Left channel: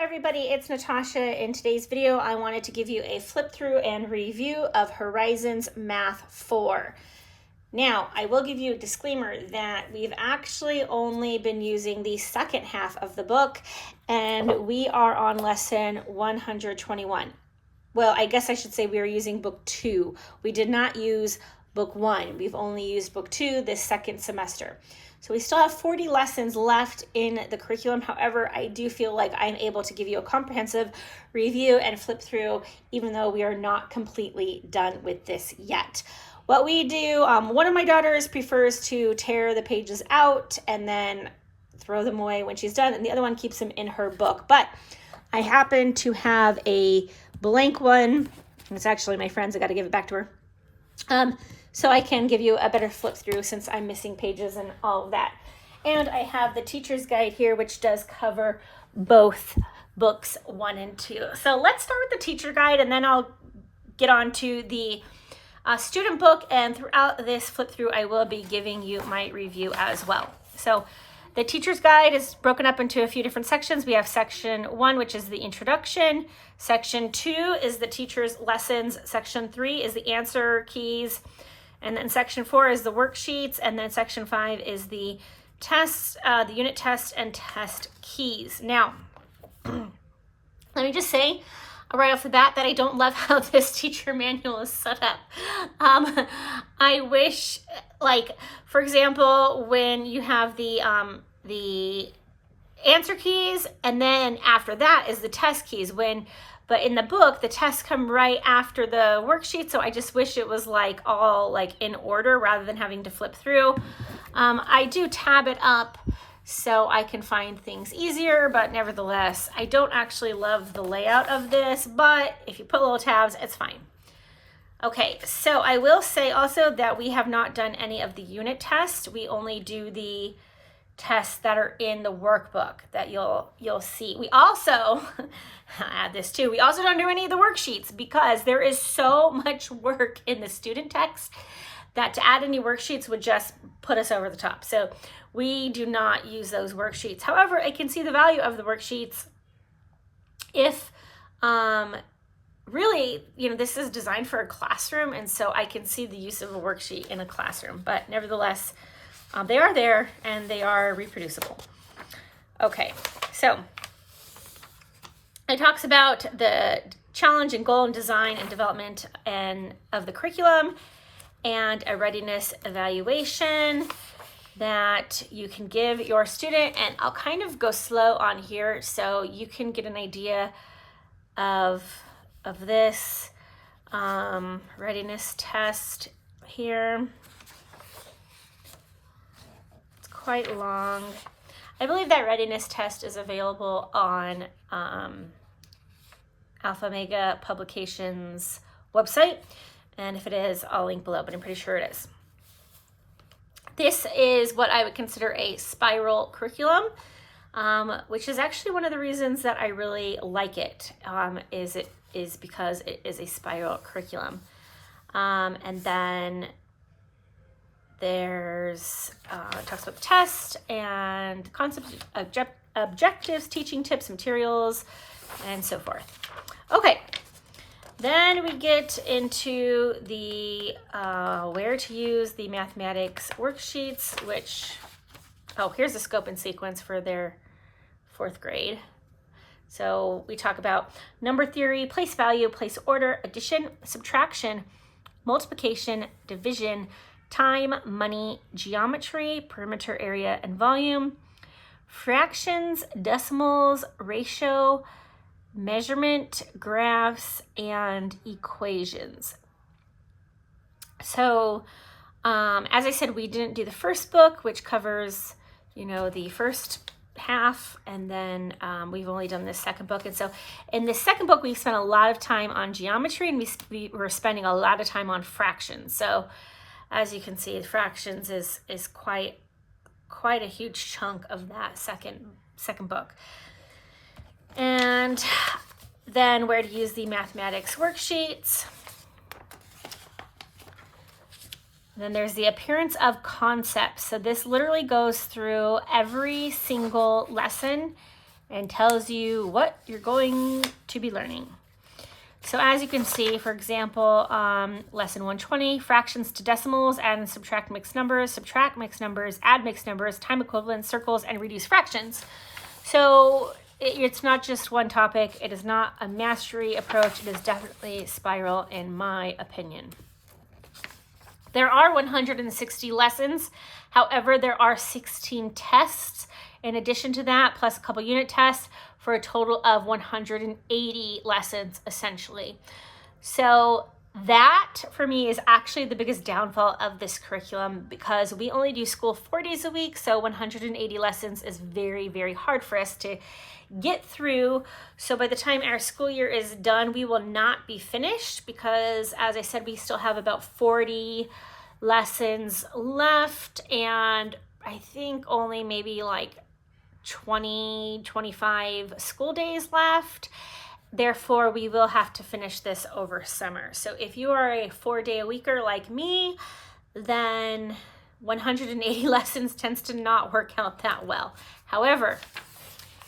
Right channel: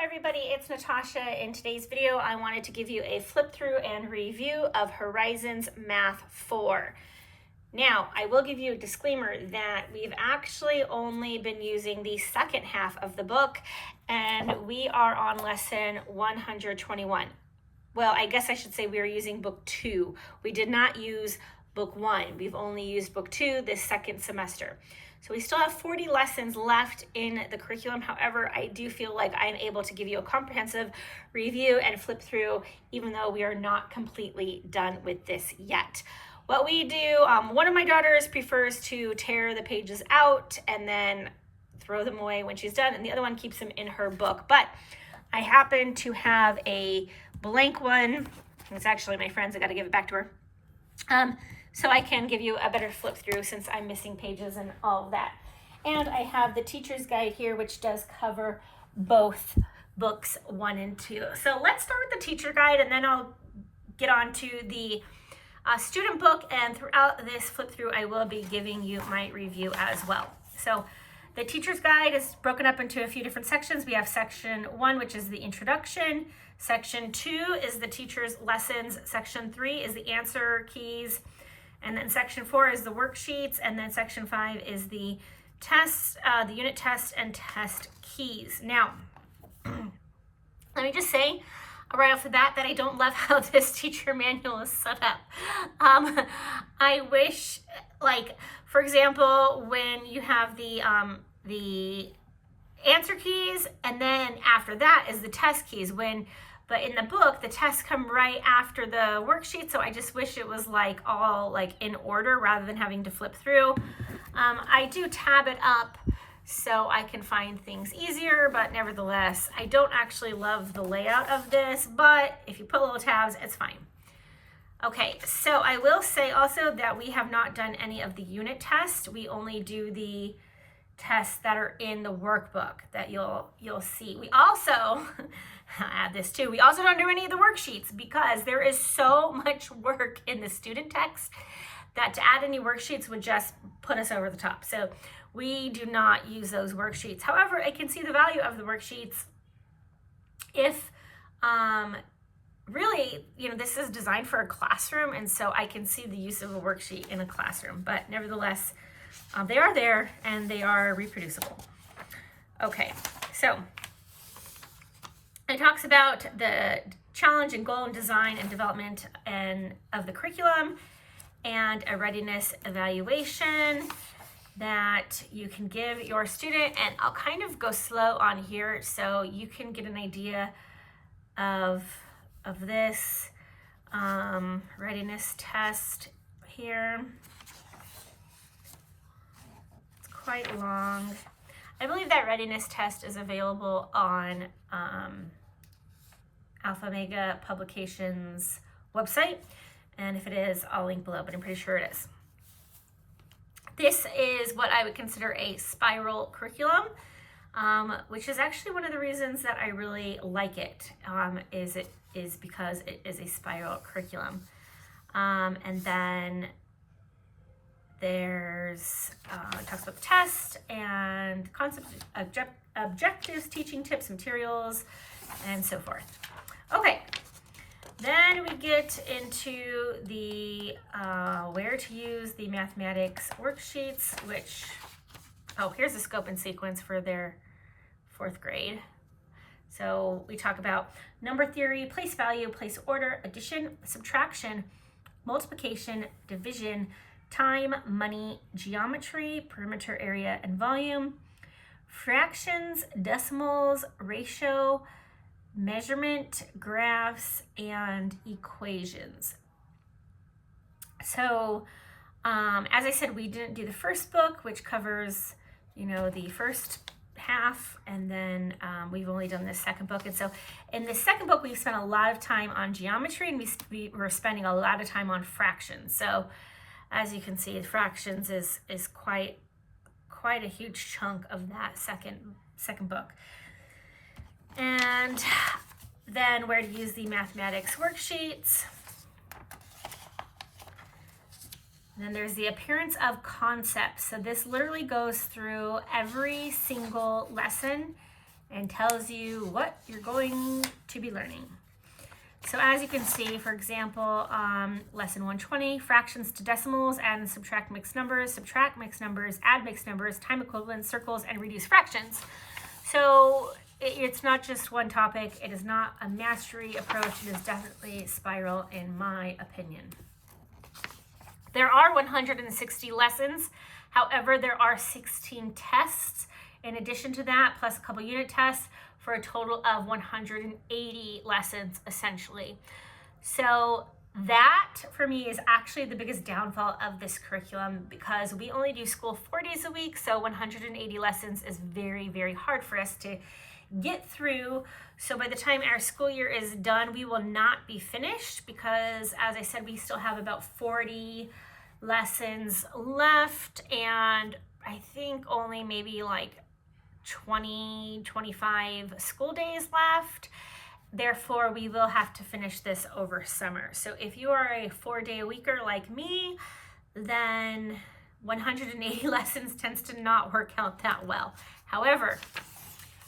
everybody, it's Natasha. In today's video, I wanted to give you a flip through and review of Horizons Math 4. Now, I will give you a disclaimer that we've actually only been using the second half of the book, and we are on lesson 121. Well, I guess I should say we are using book 2. We did not use book 1. We've only used book 2 this second semester. So we still have 40 lessons left in the curriculum. However, I do feel like I'm able to give you a comprehensive review and flip through, even though we are not completely done with this yet. What we do, one of my daughters prefers to tear the pages out and then throw them away when she's done, and the other one keeps them in her book. But I happen to have a blank one. It's actually my friend's. I got to give it back to her. So I can give you a better flip through since I'm missing pages and all of that. And I have the teacher's guide here, which does cover both books 1 and 2. So let's start with the teacher guide, and then I'll get on to the student book. And throughout this flip through, I will be giving you my review as well. So the teacher's guide is broken up into a few different sections. We have section 1, which is the introduction. Section 2 is the teacher's lessons. Section 3 is the answer keys. And then section 4 is the worksheets, and then section 5 is the test, the unit test and test keys. Now, let me just say right off the bat that I don't love how this teacher manual is set up. I wish, like, for example, when you have the answer keys, and then after that is the test keys. But in the book, the tests come right after the worksheet, so I just wish it was like all like in order rather than having to flip through. I do tab it up so I can find things easier, but nevertheless, I don't actually love the layout of this, but if you put little tabs, it's fine. Okay, so I will say also that we have not done any of the unit tests. We only do the tests that are in the workbook that you'll see. We also, I'll add this too, we also don't do any of the worksheets because there is so much work in the student text that to add any worksheets would just put us over the top. So we do not use those worksheets. However, I can see the value of the worksheets if really, this is designed for a classroom, and so I can see the use of a worksheet in a classroom, but nevertheless, they are there and they are reproducible. Okay, so it talks about the challenge and goal and design and development of the curriculum and a readiness evaluation that you can give your student. And I'll kind of go slow on here so you can get an idea of this readiness test here. Quite long. I believe that readiness test is available on Alpha Omega Publications website, and if it is, I'll link below, but I'm pretty sure it is. This is what I would consider a spiral curriculum, which is actually one of the reasons that I really like it, is because it is a spiral curriculum. And then there's talks about the test and concepts, objectives, teaching tips, materials, and so forth. Okay, then we get into the where to use the mathematics worksheets, which, here's the scope and sequence for their 4th grade. So we talk about number theory, place value, place order, addition, subtraction, multiplication, division, time, money, geometry, perimeter area and volume, fractions, decimals, ratio, measurement, graphs, and equations. So as I said, we didn't do the first book, which covers, the first half, and then we've only done this second book. And so in the second book, we spent a lot of time on geometry, and we were spending a lot of time on fractions. So as you can see, fractions is quite a huge chunk of that second book. And then where to use the mathematics worksheets. Then there's the appearance of concepts. So this literally goes through every single lesson and tells you what you're going to be learning. So as you can see, for example, lesson 120, fractions to decimals, add and subtract mixed numbers, add mixed numbers, time equivalents, circles, and reduce fractions. So it's not just one topic. It is not a mastery approach. It is definitely spiral, in my opinion. There are 160 lessons. However, there are 16 tests in addition to that, plus a couple unit tests, for a total of 180 lessons, essentially. So that, for me, is actually the biggest downfall of this curriculum, because we only do school 4 days a week, so 180 lessons is very, very hard for us to get through. So by the time our school year is done, we will not be finished, because, as I said, we still have about 40 lessons left, and I think only maybe like 20, 25 school days left. Therefore, we will have to finish this over summer. So if you are a 4-day-a-weeker like me, then 180 lessons tends to not work out that well. However,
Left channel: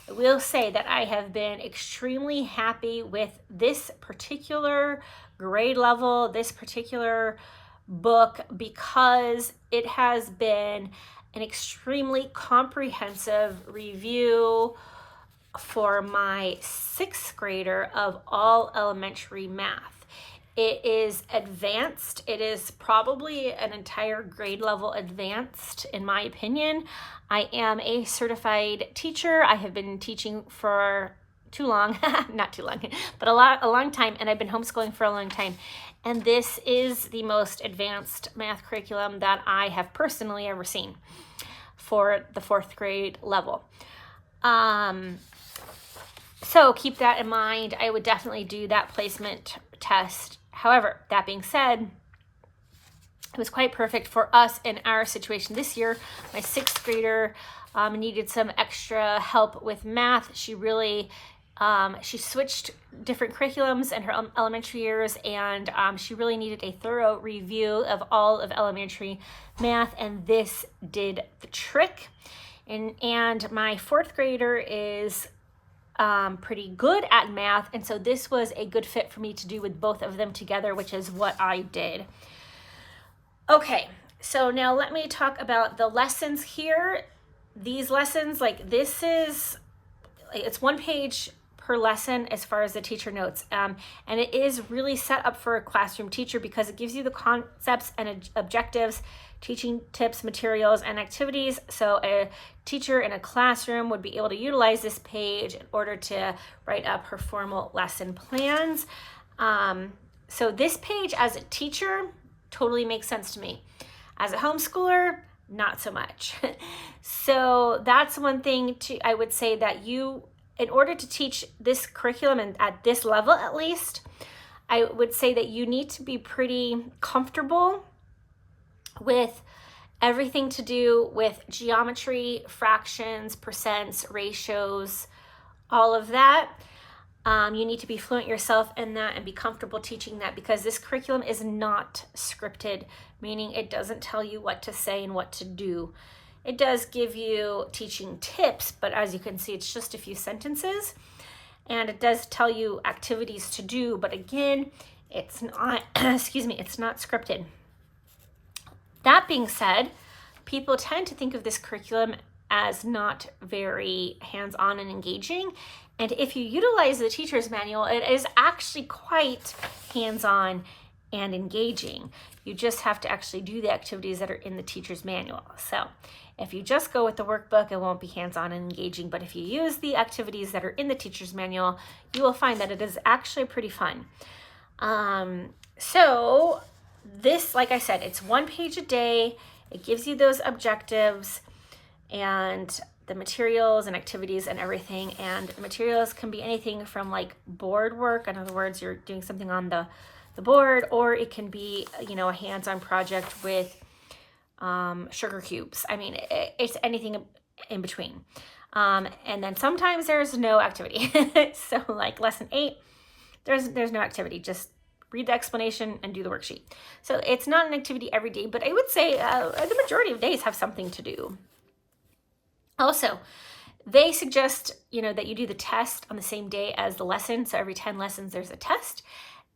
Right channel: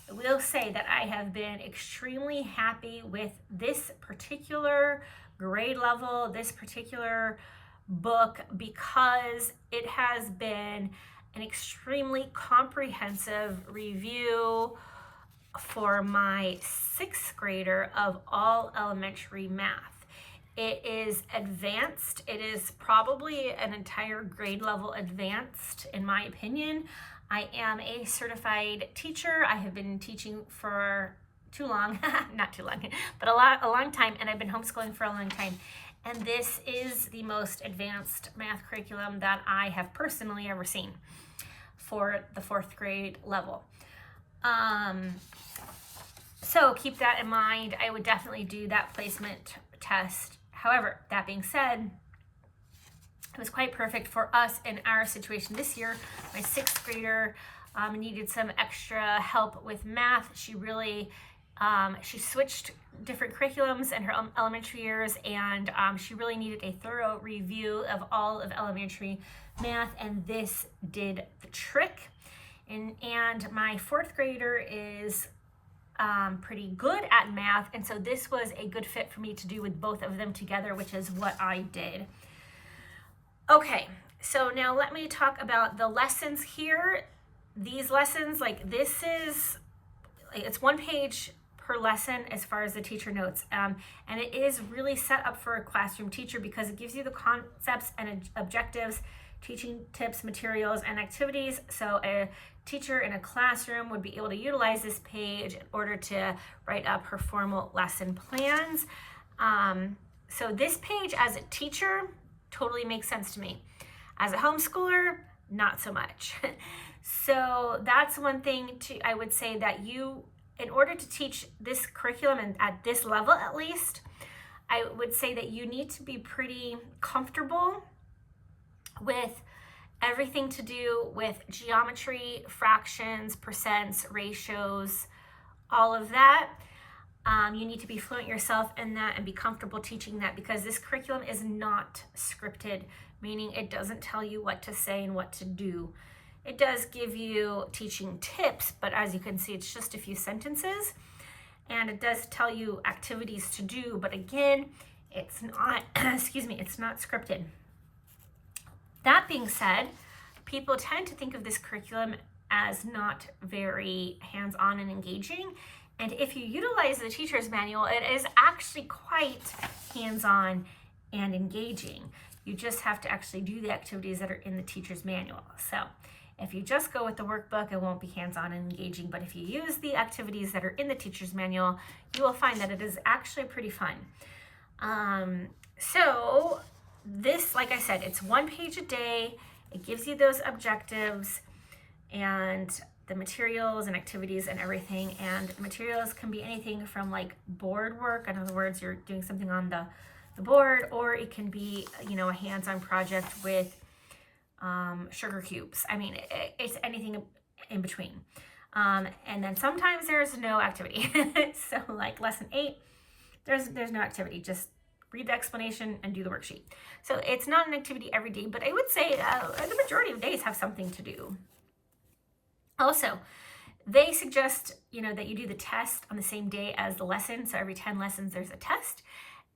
I will say that I have been extremely happy with this particular grade level, this particular book, because it has been an extremely comprehensive review for my 6th grader of all elementary math. It is advanced. It is probably an entire grade level advanced, in my opinion. I am a certified teacher. I have been teaching for too long, not too long, but a long time, and I've been homeschooling for a long time. And this is the most advanced math curriculum that I have personally ever seen for the 4th grade level. So keep that in mind. I would definitely do that placement test. However, that being said, it was quite perfect for us in our situation this year. My 6th grader needed some extra help with math. She really she switched different curriculums in her elementary years, and she really needed a thorough review of all of elementary math, and this did the trick. And my 4th grader is pretty good at math, and so this was a good fit for me to do with both of them together, which is what I did. Okay, so now let me talk about the lessons here. These lessons, it's 1 page per lesson as far as the teacher notes, and it is really set up for a classroom teacher, because it gives you the concepts and objectives, teaching tips, materials, and activities. So a teacher in a classroom would be able to utilize this page in order to write up her formal lesson plans. So this page as a teacher totally makes sense to me. As a homeschooler, not so much. So that's one thing I would say, that in order to teach this curriculum, and at this level at least, I would say that you need to be pretty comfortable with everything to do with geometry, fractions, percents, ratios, all of that. You need to be fluent yourself in that and be comfortable teaching that, because this curriculum is not scripted, meaning it doesn't tell you what to say and what to do. It does give you teaching tips, but as you can see, it's just a few sentences, and it does tell you activities to do, but again, it's not, it's not scripted. That being said, people tend to think of this curriculum as not very hands-on and engaging, and if you utilize the teacher's manual, it is actually quite hands-on and engaging. You just have to actually do the activities that are in the teacher's manual. So if you just go with the workbook, it won't be hands-on and engaging, but if you use the activities that are in the teacher's manual, you will find that it is actually pretty fun. So this, like I said, it's 1 page a day. It gives you those objectives and the materials and activities and everything. And the materials can be anything from like board work. In other words, you're doing something on the board, or it can be, a hands-on project with sugar cubes. I mean, it's anything in between. And then sometimes there's no activity. So like lesson 8, there's no activity, just read the explanation and do the worksheet. So it's not an activity every day, but I would say the majority of days have something to do. Also, They suggest, that you do the test on the same day as the lesson. So every 10 lessons, there's a test.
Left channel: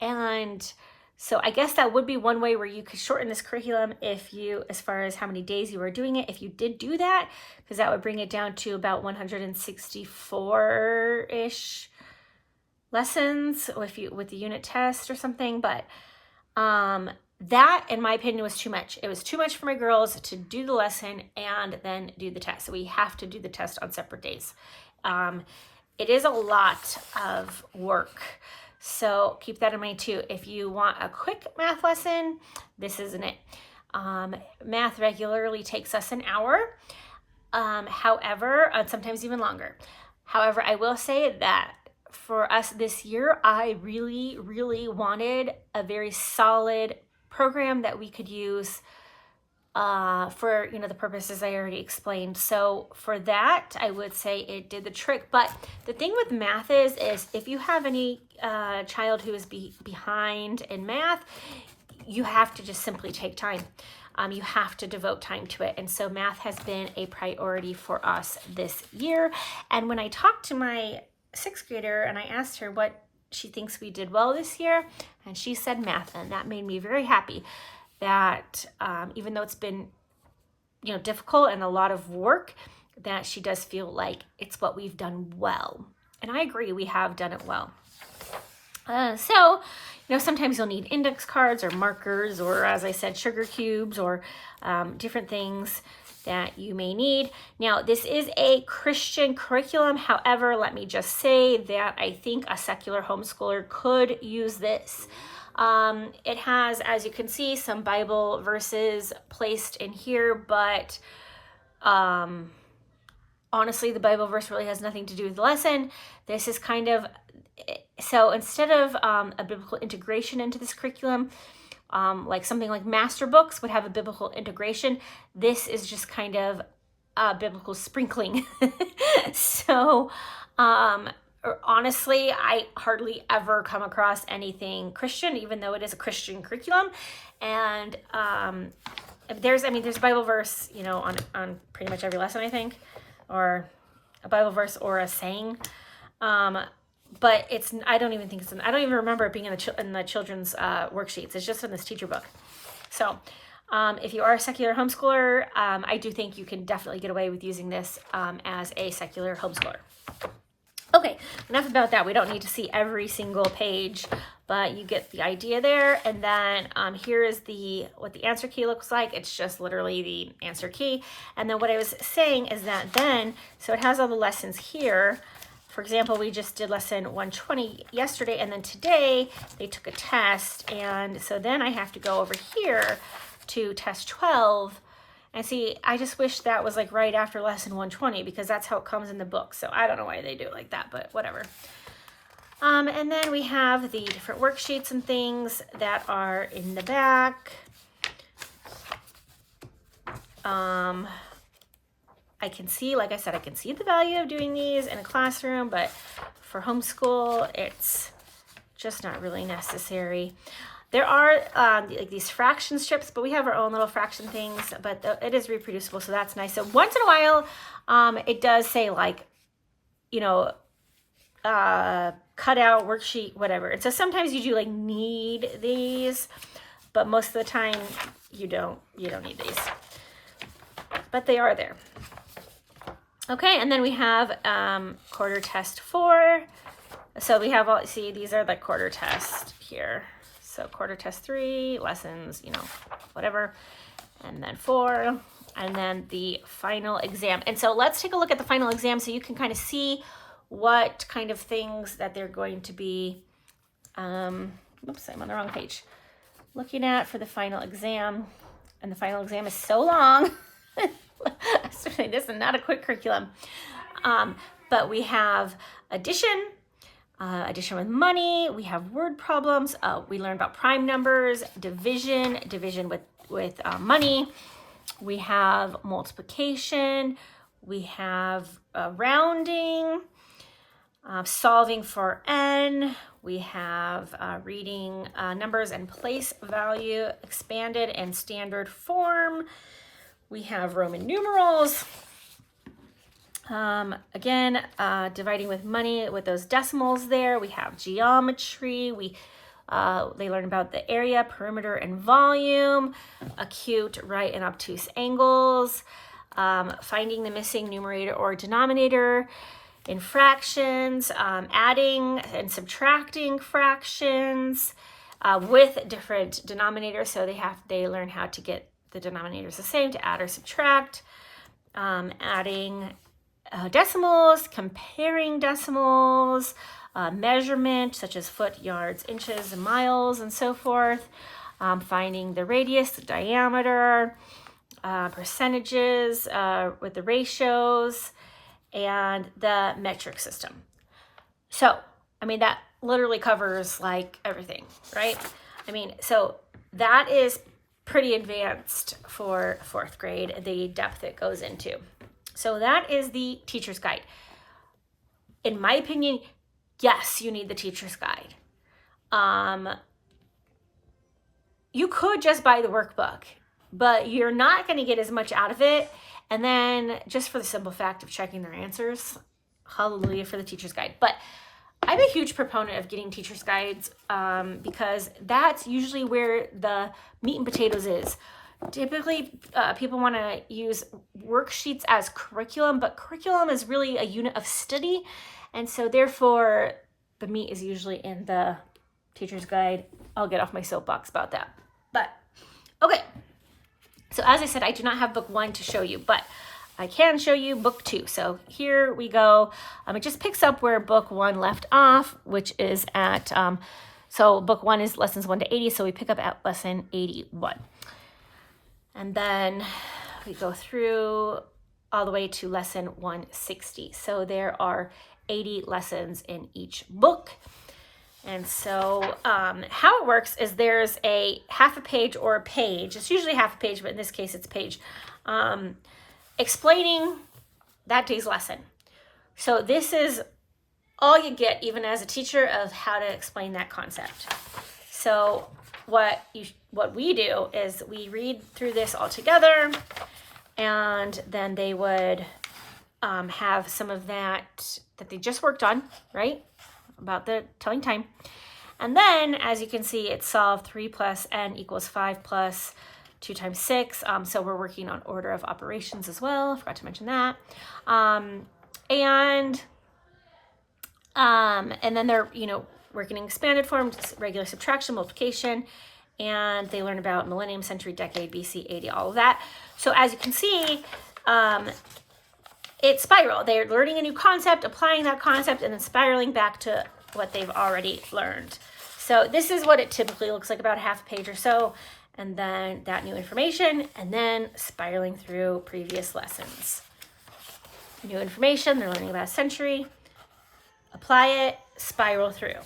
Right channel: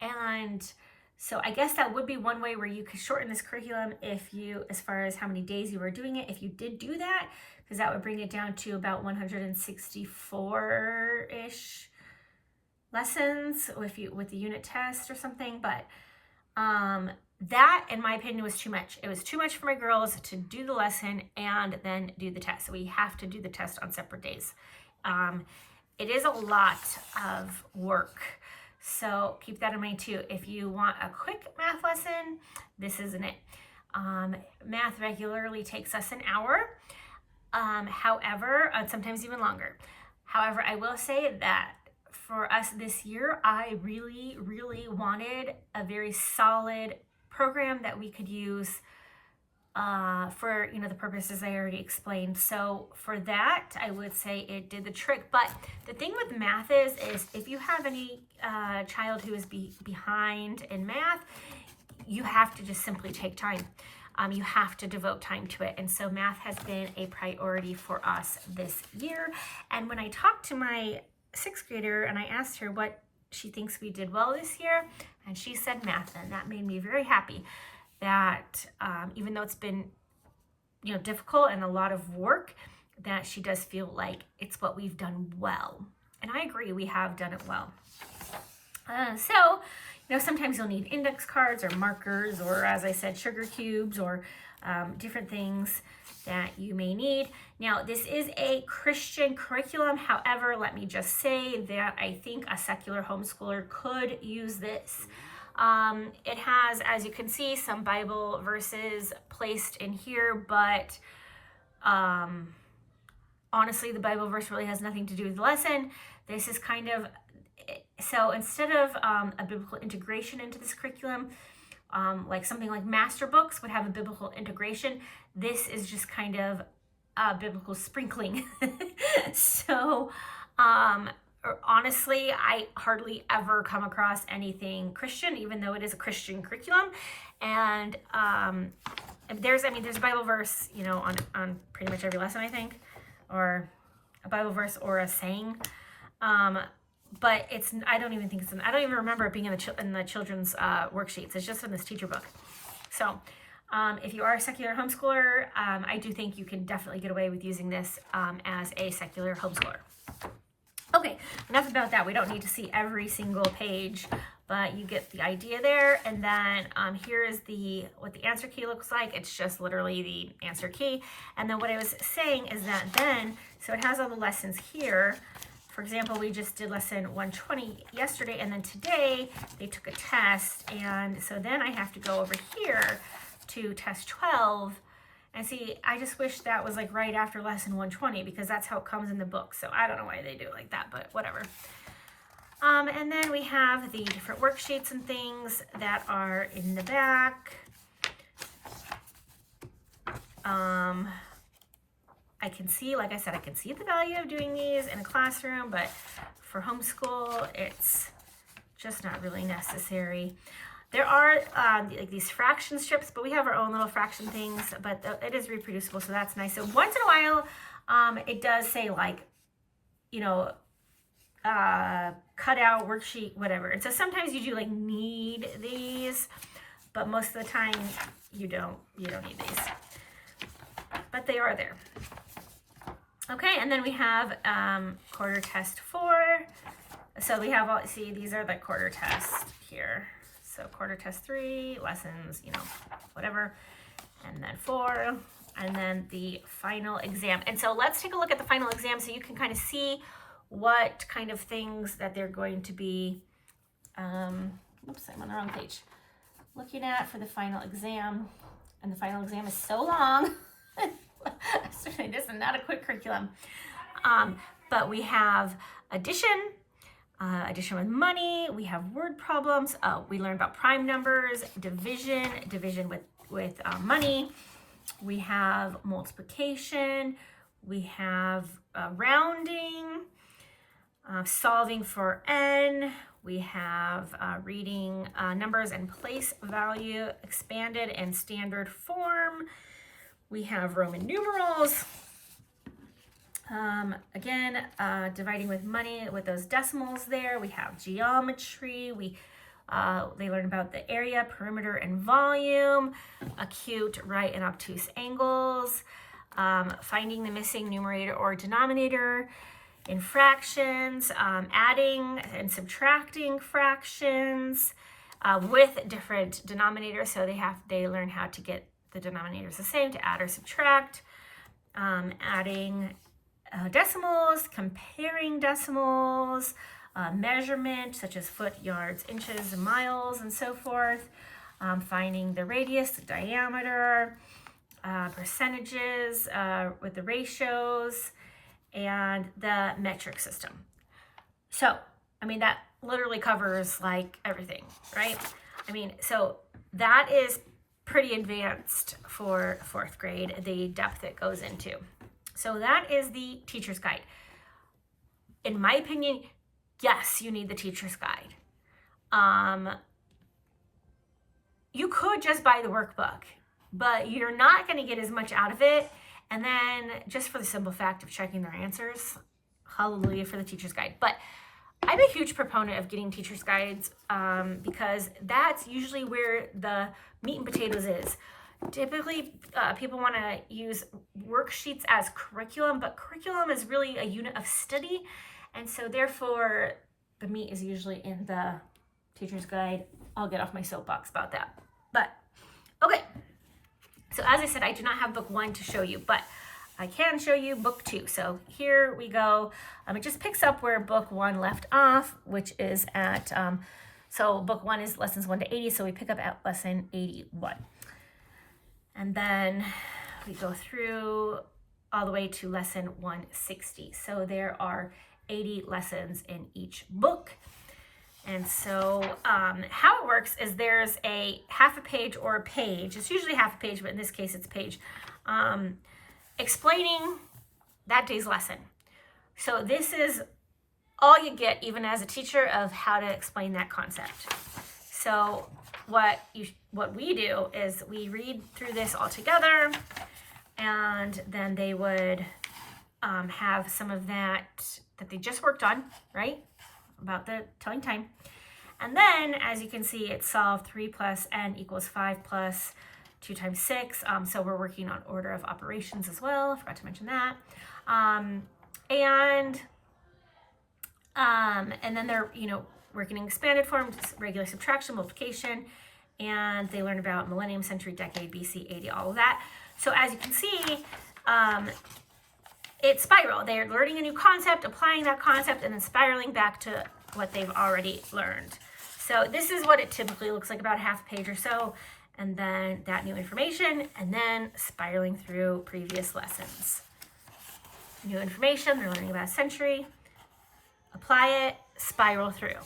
And so I guess that would be one way where you could shorten this curriculum as far as how many days you were doing it, if you did do that, because that would bring it down to about 164-ish lessons with the unit test or something. But that, in my opinion, was too much. It was too much for my girls to do the lesson and then do the test. So we have to do the test on separate days. It is a lot of work. So keep that in mind too. If you want a quick math lesson, this isn't it. Math regularly takes us an hour. However, sometimes even longer. However, I will say that for us this year, I really, really wanted a very solid program that we could use for the purposes I already explained. So for that, I would say it did the trick. But the thing with math is if you have any child who is behind in math, you have to just simply take time. You have to devote time to it. And so math has been a priority for us this year. And when I talked to my 6th grader and I asked her what she thinks we did well this year, and she said math, and that made me very happy that even though it's been difficult and a lot of work, that she does feel like it's what we've done well. And I agree, we have done it well. So sometimes you'll need index cards or markers, or as I said, sugar cubes, or different things that you may need. Now, this is a Christian curriculum. However, let me just say that I think a secular homeschooler could use this. It has, as you can see, some Bible verses placed in here, but honestly, the Bible verse really has nothing to do with the lesson. This is kind of, so instead of a biblical integration into this curriculum, like something like master books would have a biblical integration, this is just kind of a biblical sprinkling. So honestly, I hardly ever come across anything Christian, even though it is a Christian curriculum. And there's a Bible verse, on pretty much every lesson, I think, or a Bible verse or a saying. But I don't even remember it being in the children's worksheets. It's just in this teacher book. So if you are a secular homeschooler, I do think you can definitely get away with using this as a secular homeschooler. Okay, enough about that. We don't need to see every single page, but you get the idea there. And then here is what the answer key looks like. It's just literally the answer key. And then what I was saying is that so it has all the lessons here. For example, we just did lesson 120 yesterday, and then today they took a test. And so then I have to go over here to test 12. And see, I just wish that was like right after lesson 120, because that's how it comes in the book. So I don't know why they do it like that, but whatever. And then we have the different worksheets and things that are in the back. I can see, like I said, I can see the value of doing these in a classroom, but for homeschool, it's just not really necessary. There are like these fraction strips, but we have our own little fraction things, but it is reproducible, so that's nice. So once in a while, it does say like, cut out worksheet, whatever. And so sometimes you do like need these, but most of the time you don't need these, but they are there. Okay, and then we have quarter test 4. So we have these are the quarter test here. So quarter test 3, lessons, whatever, and then 4, and then the final exam. And so let's take a look at the final exam so you can kind of see what kind of things that they're going to be, oops, I'm on the wrong page, looking at for the final exam. And the final exam is so long. This is not a quick curriculum. But we have addition with money. We have word problems. We learn about prime numbers, division with money. We have multiplication. We have rounding, solving for n. We have reading numbers and place value, expanded and standard form. We have Roman numerals. Again, dividing with money with those decimals there. We have geometry. They learn about the area, perimeter, and volume, acute, right, and obtuse angles, finding the missing numerator or denominator in fractions, adding and subtracting fractions with different denominators. So they learn how to get the denominators the same to add or subtract, adding decimals, comparing decimals, measurement such as foot, yards, inches, and miles, and so forth, finding the radius, the diameter, percentages with the ratios, and the metric system. So, I mean, that literally covers like everything, right? I mean, so that is pretty advanced for 4th grade, the depth it goes into. So that is the teacher's guide. In my opinion, yes, you need the teacher's guide. You could just buy the workbook, but you're not going to get as much out of it. And then just for the simple fact of checking their answers, hallelujah for the teacher's guide. But I'm a huge proponent of getting teacher's guides because that's usually where the meat and potatoes is. Typically, people want to use worksheets as curriculum, but curriculum is really a unit of study. And so therefore, the meat is usually in the teacher's guide. I'll get off my soapbox about that. But, okay. So as I said, I do not have book 1 to show you, but I can show you book 2. So here we go. It just picks up where book 1 left off, which is at, so book 1 is lessons 1 to 80. So we pick up at lesson 81. And then we go through all the way to lesson 160. So there are 80 lessons in each book. And so how it works is there's a half a page or a page. It's usually half a page, but in this case it's a page, explaining that day's lesson. So this is all you get, even as a teacher, of how to explain that concept. So what we do is we read through this all together, and then they would have some of that they just worked on, right? About the telling time. And then, as you can see, it's solved 3 plus n equals 5 plus 2 times 6. So we're working on order of operations as well. I forgot to mention that. And then they're, working in expanded form, regular subtraction, multiplication, and they learn about millennium, century, decade, BC, 80, all of that. So as you can see, it's spiral. They're learning a new concept, applying that concept, and then spiraling back to what they've already learned. So this is what it typically looks like, about half a page or so, and then that new information, and then spiraling through previous lessons. New information, they're learning about a century, apply it, spiral through.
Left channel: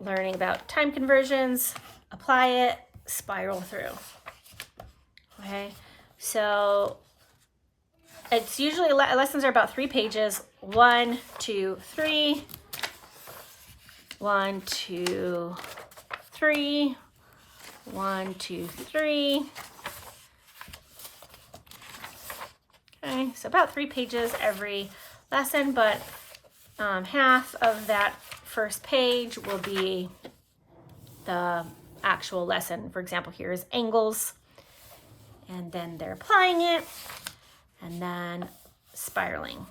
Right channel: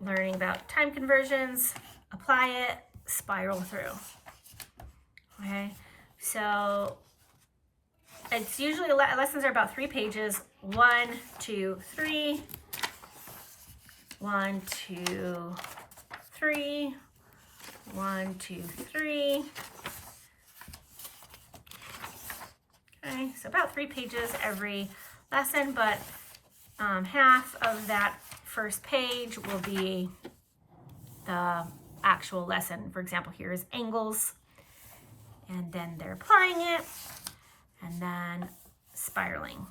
Learning about time conversions, apply it, spiral through. Okay, so it's usually, lessons are about 3 pages. 1, 2, 3. 1, 2, 3. 1, 2, 3. Okay, so about 3 pages every lesson, but half of that first page will be the actual lesson. For example, here's angles, and then they're applying it, and then spiraling.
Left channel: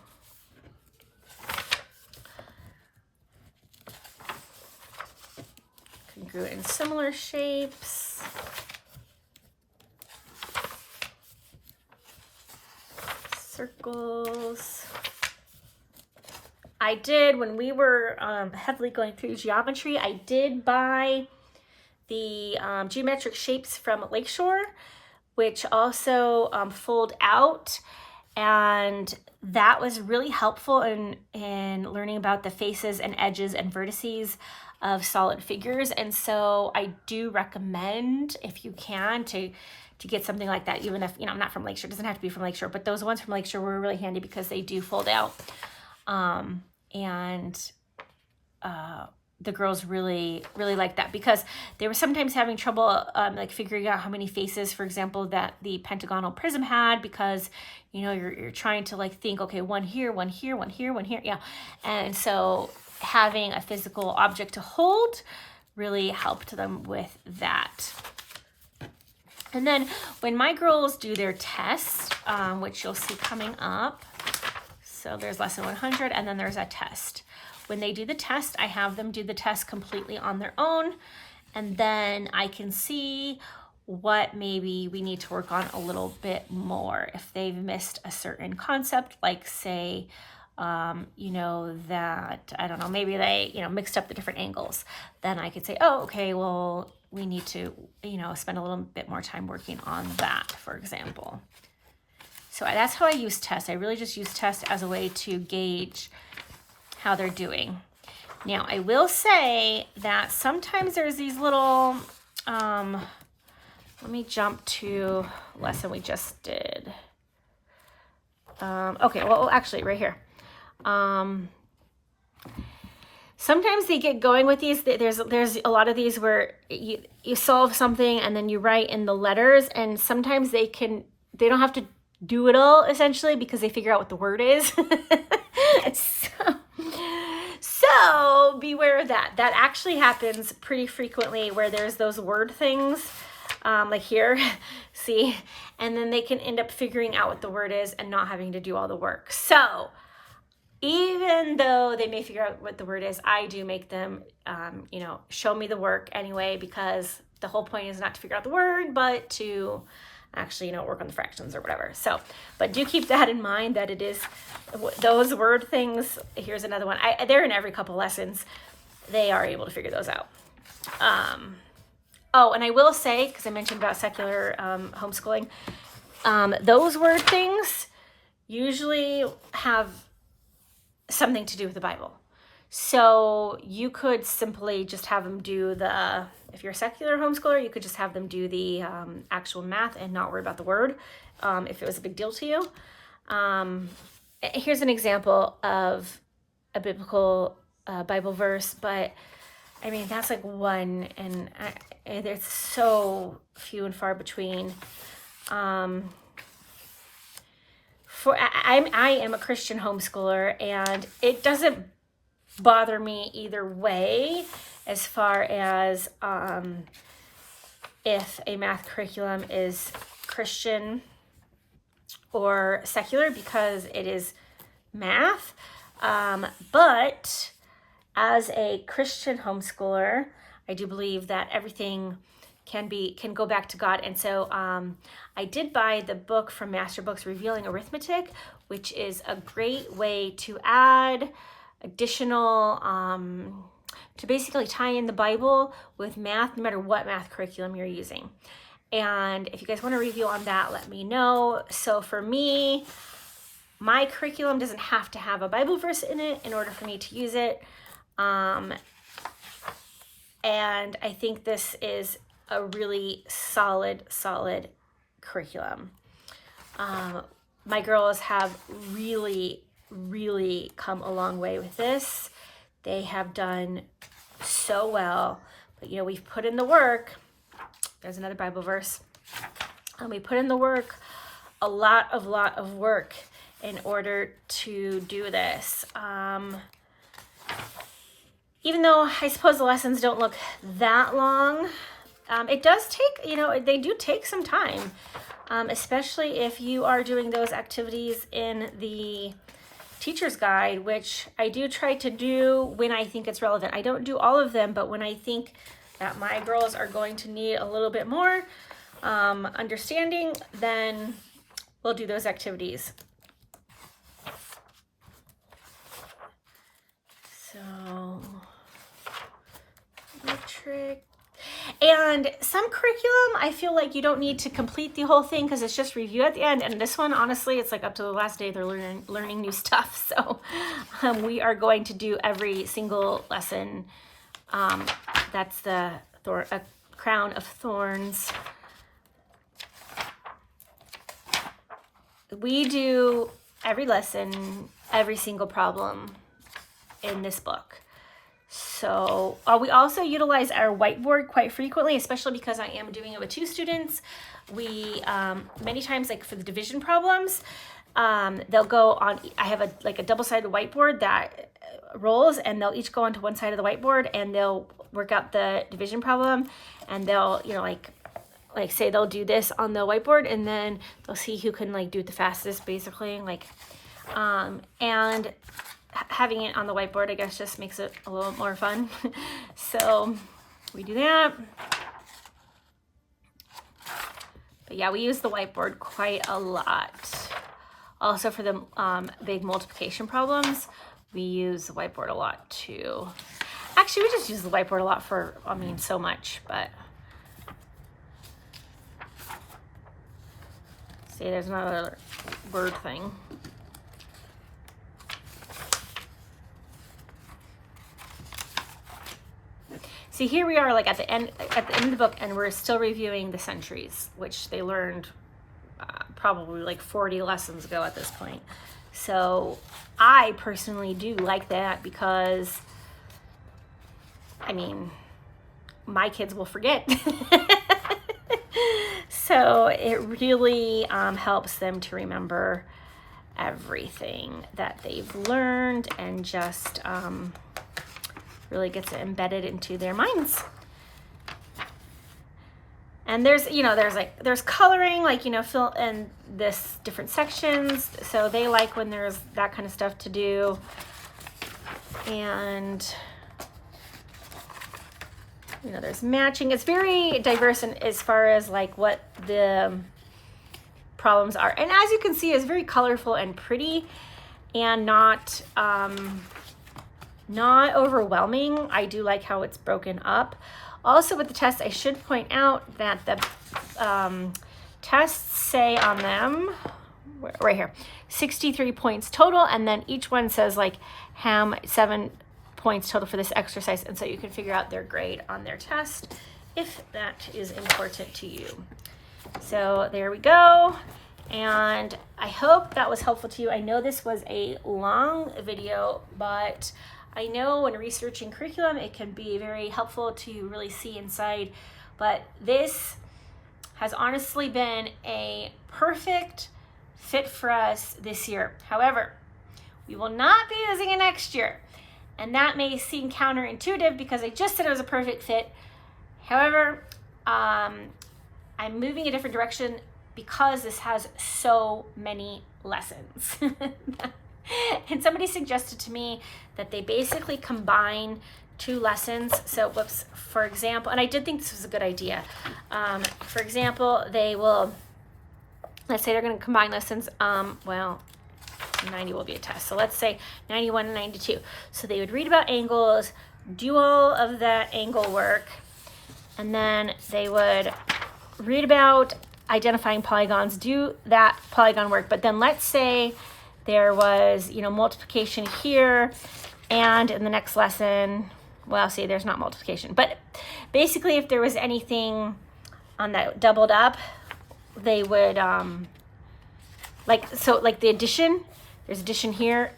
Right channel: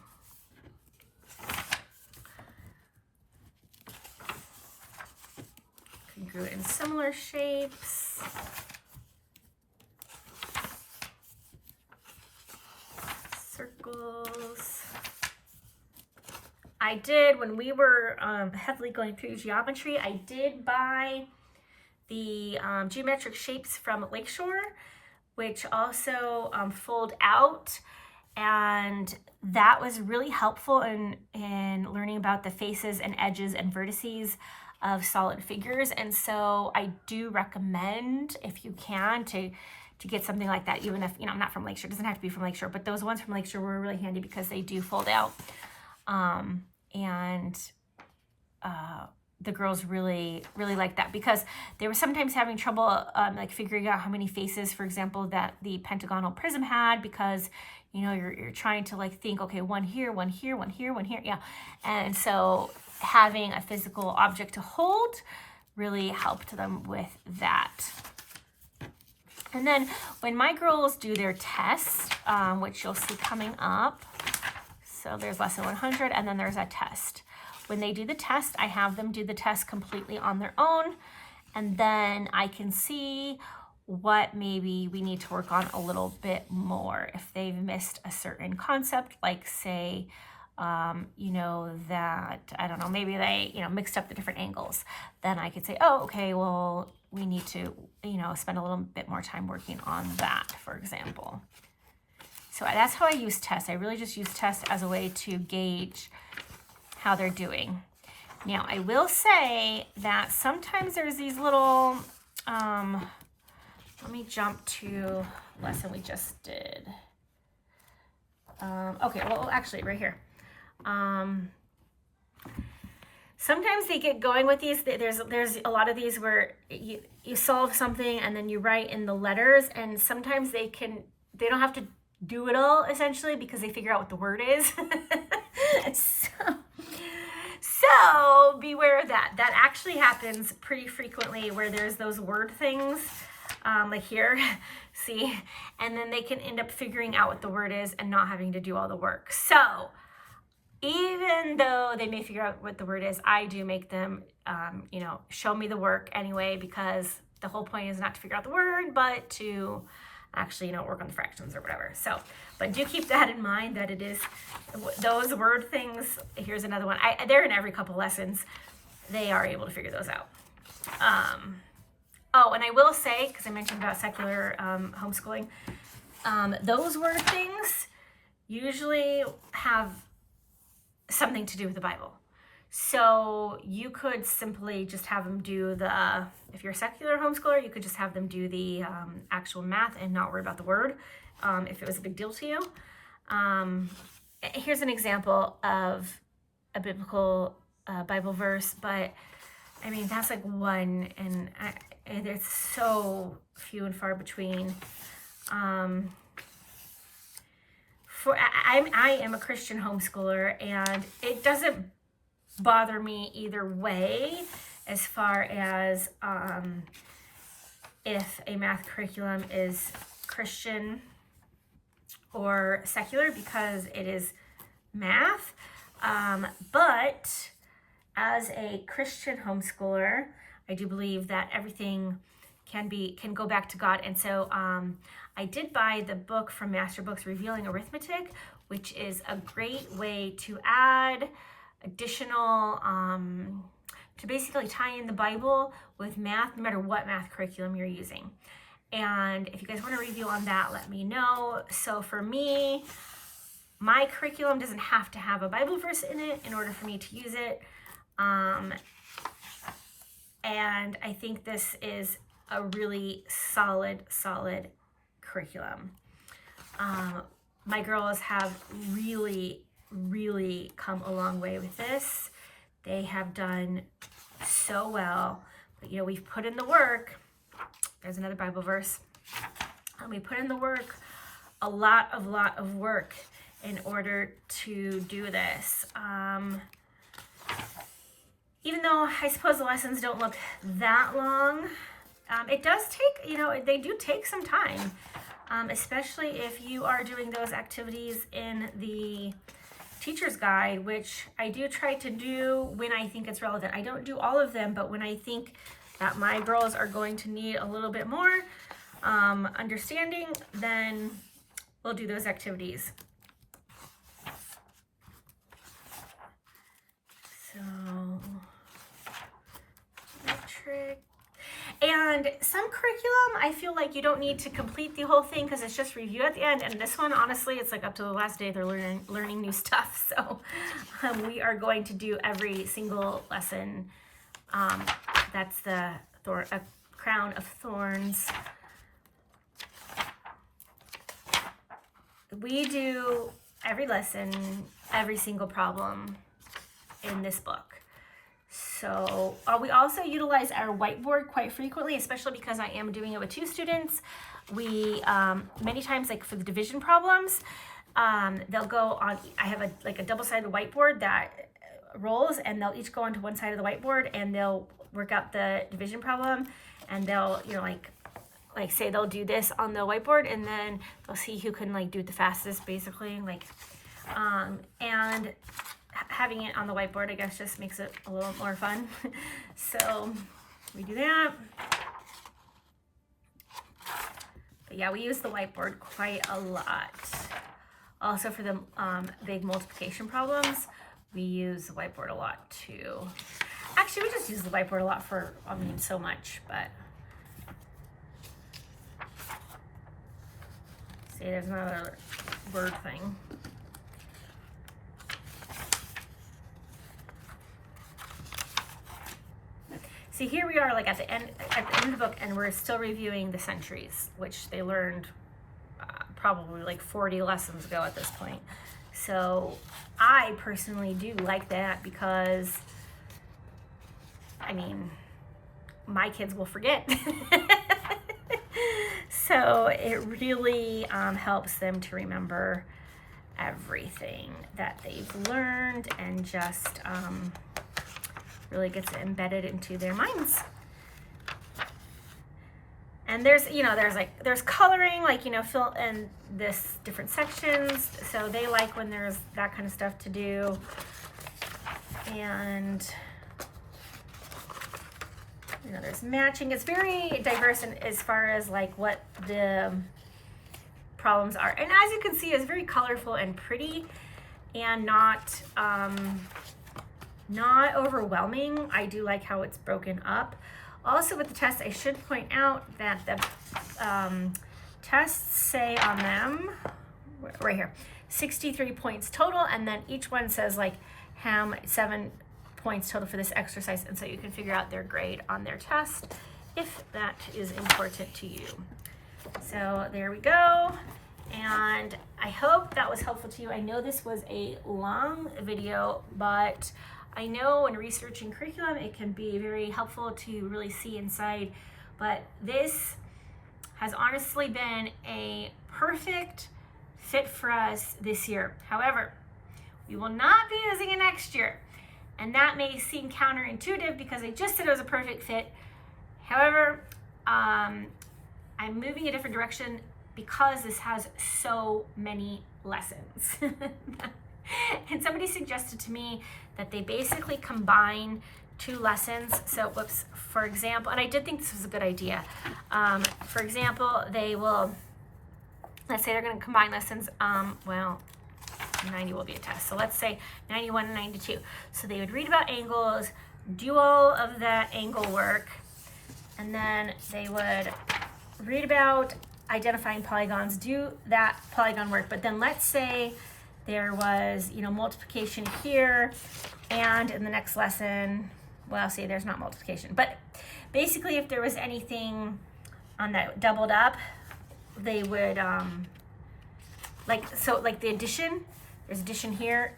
Congruent and similar shapes. Circles. I did, when we were heavily going through geometry, I did buy the geometric shapes from Lakeshore, which also fold out, and that was really helpful in learning about the faces and edges and vertices of solid figures. And so I do recommend, if you can, to get something like that, even if, I'm not from Lakeshore. It doesn't have to be from Lakeshore, but those ones from Lakeshore were really handy because they do fold out. And the girls really liked that, because they were sometimes having trouble like figuring out how many faces, for example, that the pentagonal prism had, because you're trying to like think, okay, one here, one here, one here, one here, yeah. And so having a physical object to hold really helped them with that. And then when my girls do their tests, which you'll see coming up, so there's lesson 100 and then there's a test. When they do the test, I have them do the test completely on their own, and then I can see what maybe we need to work on a little bit more. If they've missed a certain concept, like say, that, I don't know, maybe they, mixed up the different angles, then I could say, oh, okay, well, we need to, spend a little bit more time working on that, for example. So that's how I use tests. I really just use tests as a way to gauge how they're doing. Now, I will say that sometimes there's these little, let me jump to lesson we just did. Okay, well, actually, right here. Sometimes they get going with these. There's a lot of these where you solve something and then you write in the letters, and sometimes they don't have to do it all, essentially, because they figure out what the word is. So beware of that. That actually happens pretty frequently, where there's those word things, like here, see, and then they can end up figuring out what the word is and not having to do all the work. So even though they may figure out what the word is, I do make them, show me the work anyway, because the whole point is not to figure out the word, but to actually, work on the fractions or whatever. So, but do keep that in mind, that it is those word things. Here's another one. They're in every couple lessons. They are able to figure those out. Oh, and I will say, because I mentioned about secular homeschooling, those word things usually have something to do with the Bible. So you could simply just have them do if you're a secular homeschooler, you could just have them do the actual math and not worry about the word, if it was a big deal to you. Here's an example of a biblical Bible verse, but I mean, that's like one, and there's so few and far between. I am a Christian homeschooler, and it doesn't bother me either way as far as if a math curriculum is Christian or secular, because it is math. But as a Christian homeschooler, I do believe that everything can go back to God. And so I did buy the book from Master Books, Revealing Arithmetic, which is a great way to add additional, to basically tie in the Bible with math, no matter what math curriculum you're using. And if you guys want a review on that, let me know. So for me, my curriculum doesn't have to have a Bible verse in it in order for me to use it. And I think this is a really solid curriculum. My girls have really come a long way with this. They have done so well. But we've put in the work. There's another Bible verse. And we put in the work, a lot of work in order to do this. Even though I suppose the lessons don't look that long, it does take, they do take some time, especially if you are doing those activities in the teacher's guide, which I do try to do when I think it's relevant. I don't do all of them, but when I think that my girls are going to need a little bit more understanding, then we'll do those activities. So, metric. And some curriculum, I feel like you don't need to complete the whole thing because it's just review at the end. And this one, honestly, it's like up to the last day they're learning new stuff. So we are going to do every single lesson. That's the crown of thorns. We do every lesson, every single problem in this book. So we also utilize our whiteboard quite frequently, especially because I am doing it with 2 students. We many times, like for the division problems, they'll go on, I have a double-sided whiteboard that rolls, and they'll each go onto one side of the whiteboard, and they'll work out the division problem, and they'll, you know, like say they'll do this on the whiteboard, and then they'll see who can like do it the fastest, basically, like, and having it on the whiteboard, I guess, just makes it a little more fun. So we do that. But yeah, we use the whiteboard quite a lot. Also for the big multiplication problems, we use the whiteboard a lot too. Actually, we just use the whiteboard a lot for, I mean, so much, but. See, there's another word thing. See, here we are, like at the end of the book, and we're still reviewing the centuries, which they learned probably like 40 lessons ago at this point. So I personally do like that because, I mean, my kids will forget. So it really helps them to remember everything that they've learned, and just really gets it embedded into their minds. And there's, you know, there's coloring, like, you know, fill in this different sections. So they like when there's that kind of stuff to do. And, you know, there's matching. It's very diverse in, as far as like what the problems are. And as you can see, it's very colorful and pretty, and not overwhelming. I do like how it's broken up. Also with the test, I should point out that the tests say on them, right here, 63 points total, and then each one says like 7 points total for this exercise, and so you can figure out their grade on their test if that is important to you. So there we go, and I hope that was helpful to you. I know this was a long video, but I know when researching curriculum, it can be very helpful to really see inside, but this has honestly been a perfect fit for us this year. However, we will not be using it next year, and that may seem counterintuitive because I just said it was a perfect fit. However, I'm moving a different direction because this has so many lessons. And somebody suggested to me that they basically combine 2 lessons. So, whoops, for example, and I did think this was a good idea. For example, they will, let's say they're going to combine lessons, well, 90 will be a test. So let's say 91 and 92. So they would read about angles, do all of that angle work, and then they would read about identifying polygons, do that polygon work. But then let's say there was, you know, multiplication here, and in the next lesson, well, see, there's not multiplication, but basically if there was anything on that doubled up, they would, like the addition, there's addition here,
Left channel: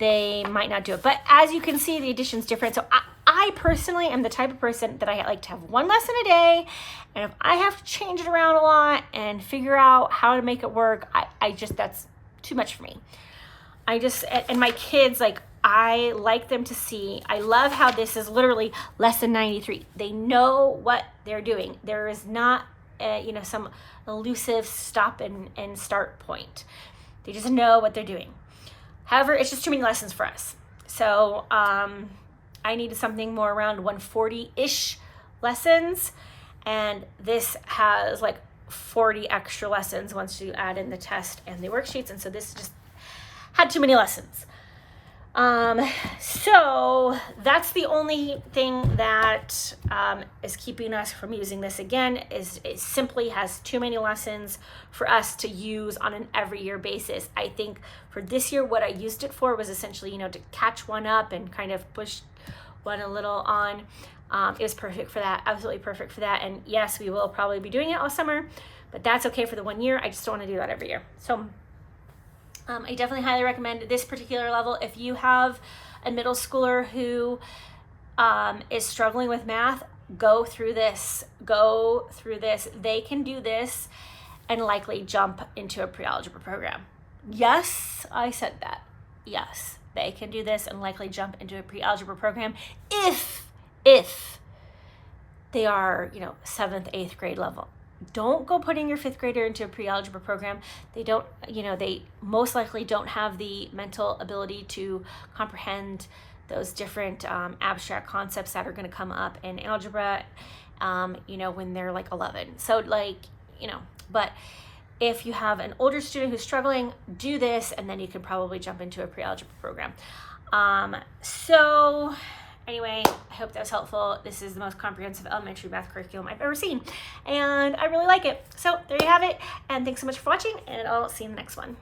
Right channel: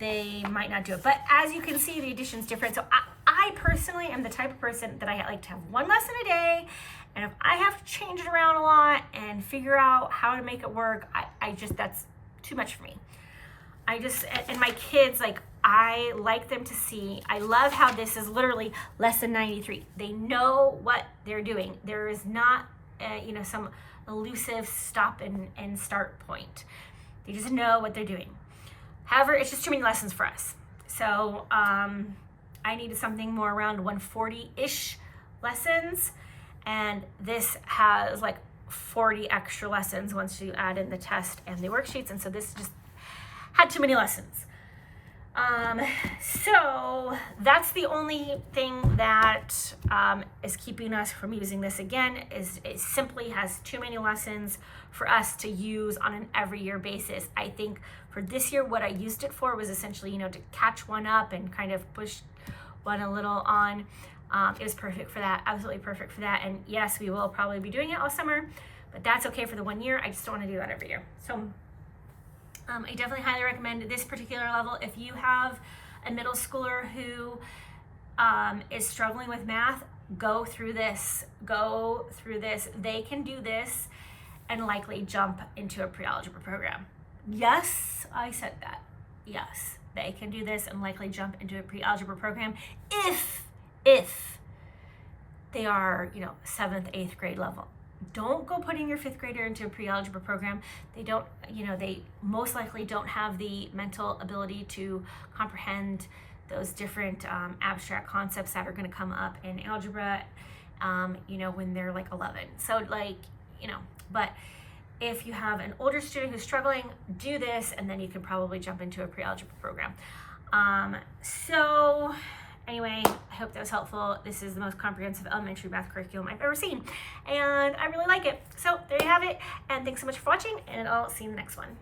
they might not do it. But as you can see, the addition's different. So I personally am the type of person that I like to have 1 lesson a day, and if I have to change it around a lot and figure out how to make it work, I just, that's too much for me. And my kids, like, I like them to see, I love how this is literally lesson 93. They know what they're doing. There is not, you know, some elusive stop and start point. They just know what they're doing. However, it's just too many lessons for us. So I needed something more around 140-ish lessons, and this has like 40 extra lessons once you add in the test and the worksheets, and so this just had too many lessons. So that's the only thing that is keeping us from using this again, is it simply has too many lessons for us to use on an every year basis. I think for this year, what I used it for was essentially, you know, to catch one up and kind of push one a little on. It was perfect for that, absolutely perfect for that. And yes, we will probably be doing it all summer, but that's okay for the 1 year. I just don't want to do that every year. So I definitely highly recommend this particular level. If you have a middle schooler who is struggling with math, go through this. They can do this and likely jump into a pre-algebra program. Yes, I said that. Yes, they can do this and likely jump into a pre-algebra program if they are, 7th, 8th grade level. Don't go putting your 5th grader into a pre-algebra program. They don't, they most likely don't have the mental ability to comprehend those different abstract concepts that are going to come up in algebra, when they're like 11. So but if you have an older student who's struggling, do this, and then you can probably jump into a pre-algebra program. So anyway, I hope that was helpful. This is the most comprehensive elementary math curriculum I've ever seen, and I really like it. So there you have it, and thanks so much for watching, and I'll see you in the next one.